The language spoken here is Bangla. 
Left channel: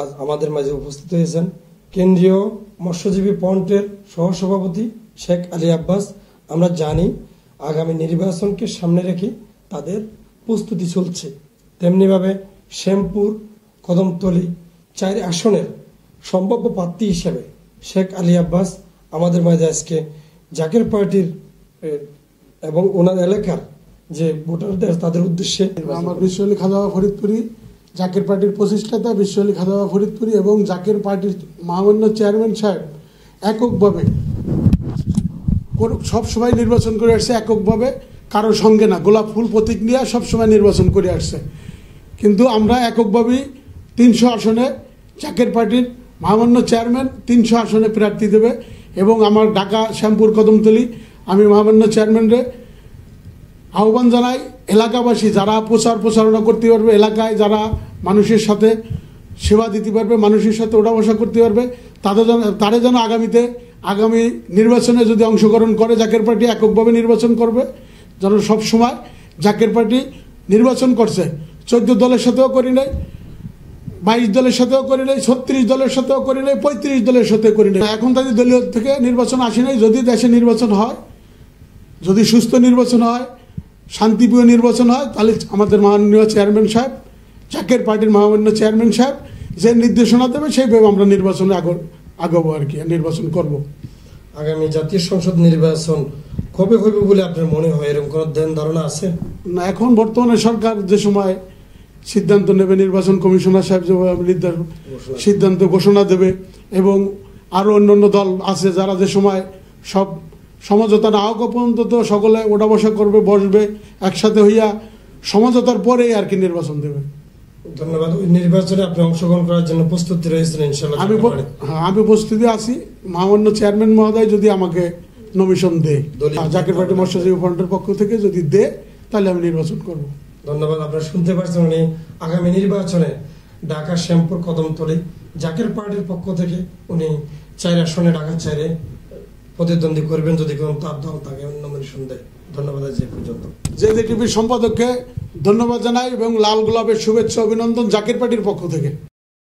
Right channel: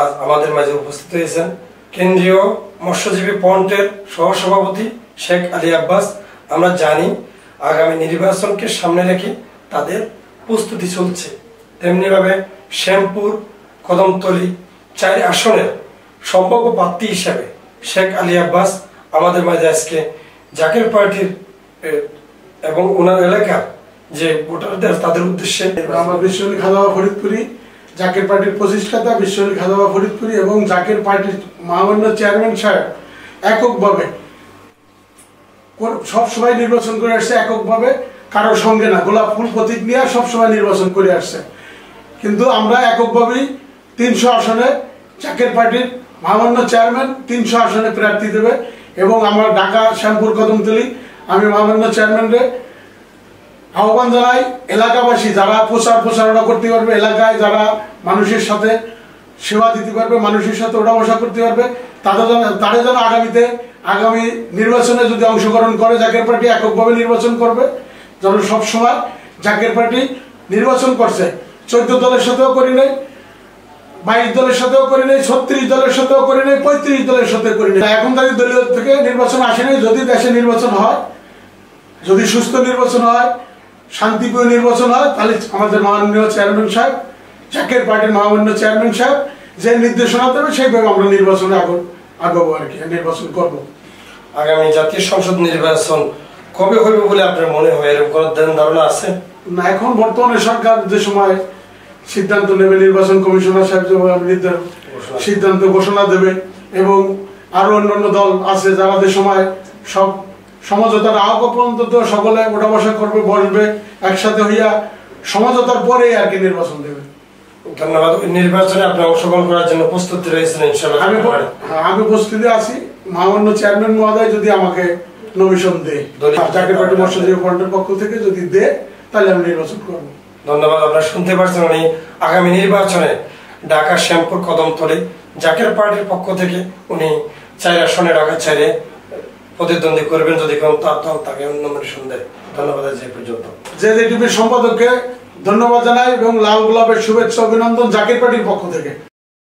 আজ আমাদের মাঝে উপস্থিত হয়েছেন কেন্দ্রীয় মৎস্যজীবী ফ্রন্টের সহসভাপতি শেখ আলী আব্বাস। আমরা জানি আগামী নির্বাচনকে সামনে রেখে তাদের প্রস্তুতি চলছে, তেমনিভাবে শ্যামপুর কদমতলী 4 আসনের সম্ভাব্য প্রার্থী হিসাবে শেখ আলী আব্বাস আমাদের মাঝে আজকে জাকের পার্টির এবং ওনার এলাকার যে ভোটারদের তাদের উদ্দেশ্যে আমার বিশ্বলী খাদাওয়া ফরিদপুরি জাকের পার্টির প্রতিষ্ঠাতা বিশ্বলী খাদাওয়া ফরিদপুরি এবং জাকের পার্টির মহামান্য চেয়ারম্যান সাহেব এককভাবে সবসময় নির্বাচন করে আসছে, এককভাবে কারোর সঙ্গে না, গোলাপ ফুল প্রতীক নিয়ে সবসময় নির্বাচন করে আসছে। কিন্তু আমরা এককভাবেই 300 আসনে জাকের পার্টির মহামান্য চেয়ারম্যান 300 আসনে প্রার্থী দেবে এবং আমার ঢাকা শ্যামপুর কদমতলী আমি মহামান্য চেয়ারম্যানরে আহ্বান জানাই, এলাকাবাসী যারা প্রচারণা করতে পারবে, এলাকায় যারা মানুষের সাথে সেবা দিতে পারবে, মানুষের সাথে ওঠা বসা করতে পারবে, তারা যেন আগামী নির্বাচনে যদি অংশগ্রহণ করে জাকের পার্টি এককভাবে নির্বাচন করবে। যেন সবসময় জাকের পার্টি নির্বাচন করছে 14 দলের সাথেও করি নাই, 22 দলের সাথেও করি নাই, 36 দলের সাথেও করি নাই, 35 দলের সাথে করি নাই। এখন তাই দলীয় থেকে নির্বাচন আসে নাই। যদি দেশে নির্বাচন হয়, যদি সুস্থ নির্বাচন হয়, শান্তিপ্রিয় নির্বাচন হয়, তাহলে আমাদের মাননীয় চেয়ারম্যান সাহেব জাকের পার্টির মহামান্য চেয়ারম্যান সাহেব যে নির্দেশনা দেবে সেইভাবে আমরা নির্বাচনে আগাবো আর কি, নির্বাচন করব। আগামী জাতীয় সংসদ নির্বাচন কবে হবে বলে আপনার মনে হয়, এরকম কোনো ধারণা আছে না? এখন বর্তমানে সরকার যে সময় সিদ্ধান্ত নেবে, নির্বাচন কমিশনার সাহেব যে সিদ্ধান্ত ঘোষণা দেবে এবং আরো অন্যান্য দল আছে যারা যে সময় সব সমঝোতার আহ্বান পর্যন্ত তো সকলে ওঠা বসা করবে, বসবে একসাথে হইয়া সমঝোতার পরেই আর কি নির্বাচন দেবে। ধন্যবাদ। নির্বাচনে আপনি অংশগ্রহণ করার জন্য প্রস্তুতি রয়েছেন ইনশাআল্লাহ? আমি প্রস্তুতি আছি। মহামান্য চেয়ারম্যান মহোদয় যদি আমাকে নমিশন দেয়, জাকের পার্টি মৎস্যজীবী ফ্রন্টের পক্ষ থেকে যদি দেয়, তাহলে আমি নির্বাচন করব। ধন্যবাদ। আপনারা শুনতে পাচ্ছেন উনি আগামী নির্বাচনে ঢাকা শ্যামপুর কদমতলী জাকের পার্টির পক্ষ থেকে উনি 4 আসনে ঢাকা ছেড়ে প্রতিদ্বন্দ্বী করবেন যদি কোন তার দল তাকে নমিনেশন দেয়। ধন্যবাদ। আজ এই পর্যন্ত জেডি টিভির সম্পাদককে ধন্যবাদ জানাই এবং লাল গোলাপের শুভেচ্ছা অভিনন্দন জাকের পার্টির পক্ষ থেকে।